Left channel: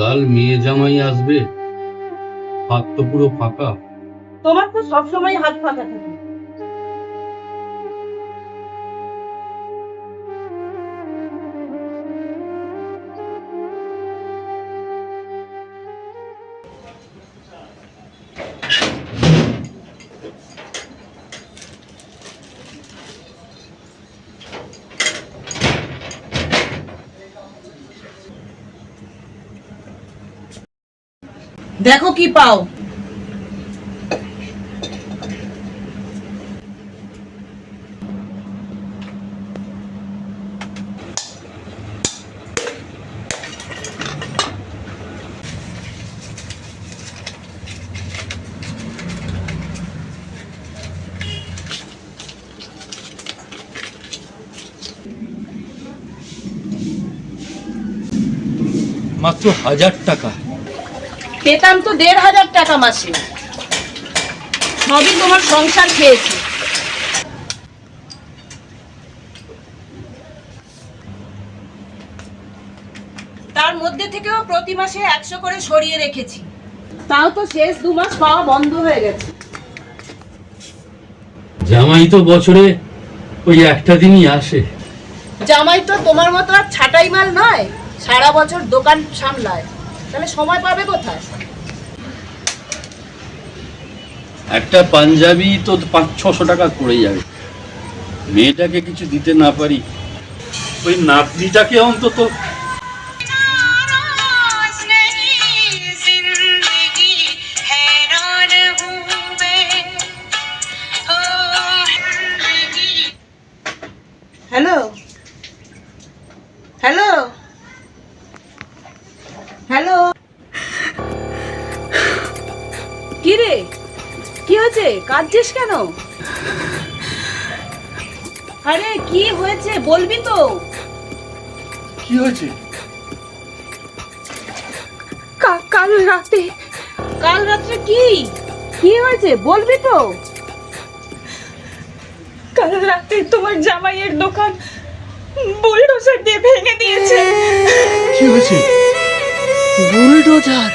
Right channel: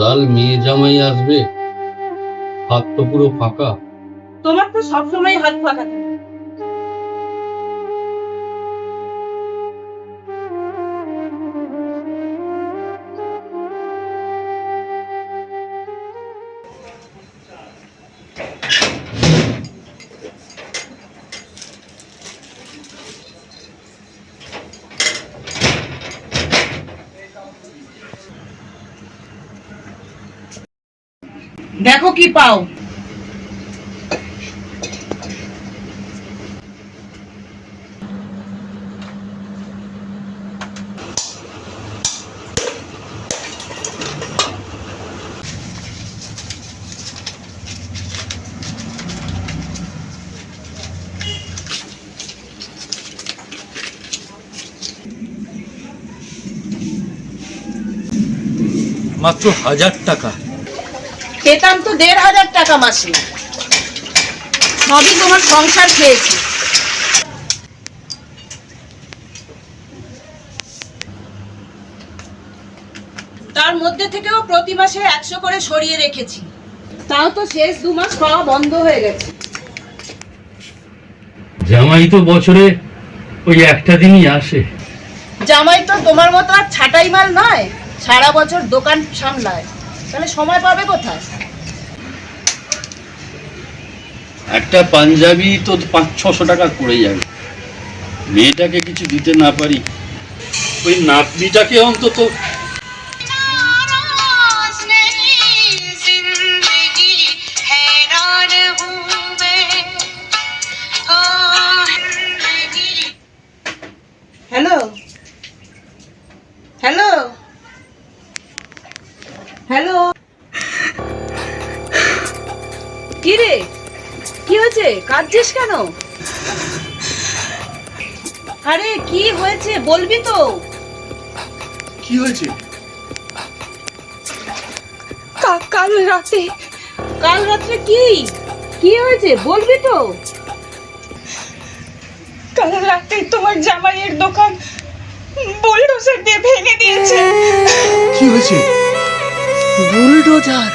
কাল মেয়ে জামাই আসবে, হাত তো পুরো ফাঁকা। তোমার তো সবসময় হাত ফাঁকা থাকে। দেখো কি পাও। মাত্র 1000 টাকা। পেতাম তো 1500 টাকা মাসে, সবই তোমার সংসার খেয়েছে। তার মধ্যে থেকেও প্রতি মাসে 100 করে সরিয়ে রেখেছি, তাও তো শেষ 2 মাস পাওয়া বন্ধ হয়ে গেছে। জামাই তো বছরে ওই একটা দিনই আসে। জামাই তো তোমার মতো আর ছাটাই মাল নয়, সারা বছর দোকান সামলায়, তাহলে সময় পাবে কোথায়? একটা পাঞ্জাবি তো 500-600 টাকা পড়ে যাবে। মেয়েটাকে কিছু দিতে না পারি, ওই নাতনিটাকে অন্তত। হ্যালো হ্যালো হ্যালো, কি রে, কি হয়েছে, কাঁদছিস কেন? আরে কি হয়েছে বলবি তো। কি হয়েছে? কাল রাতে কি হয়েছে বলবি তো। কাল রাতে তোমার জামাইয়ের দোকান বুলডোজার দিয়ে ভেঙে দিয়েছে। কি হয়েছে? বুলডোজার?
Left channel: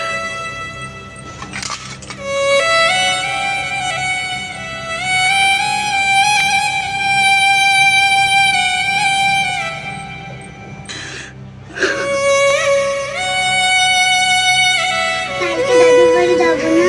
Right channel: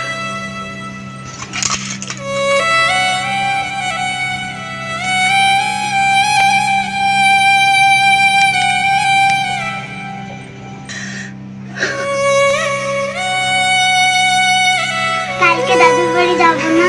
কালকে দাদুর বাড়ি যাবো না?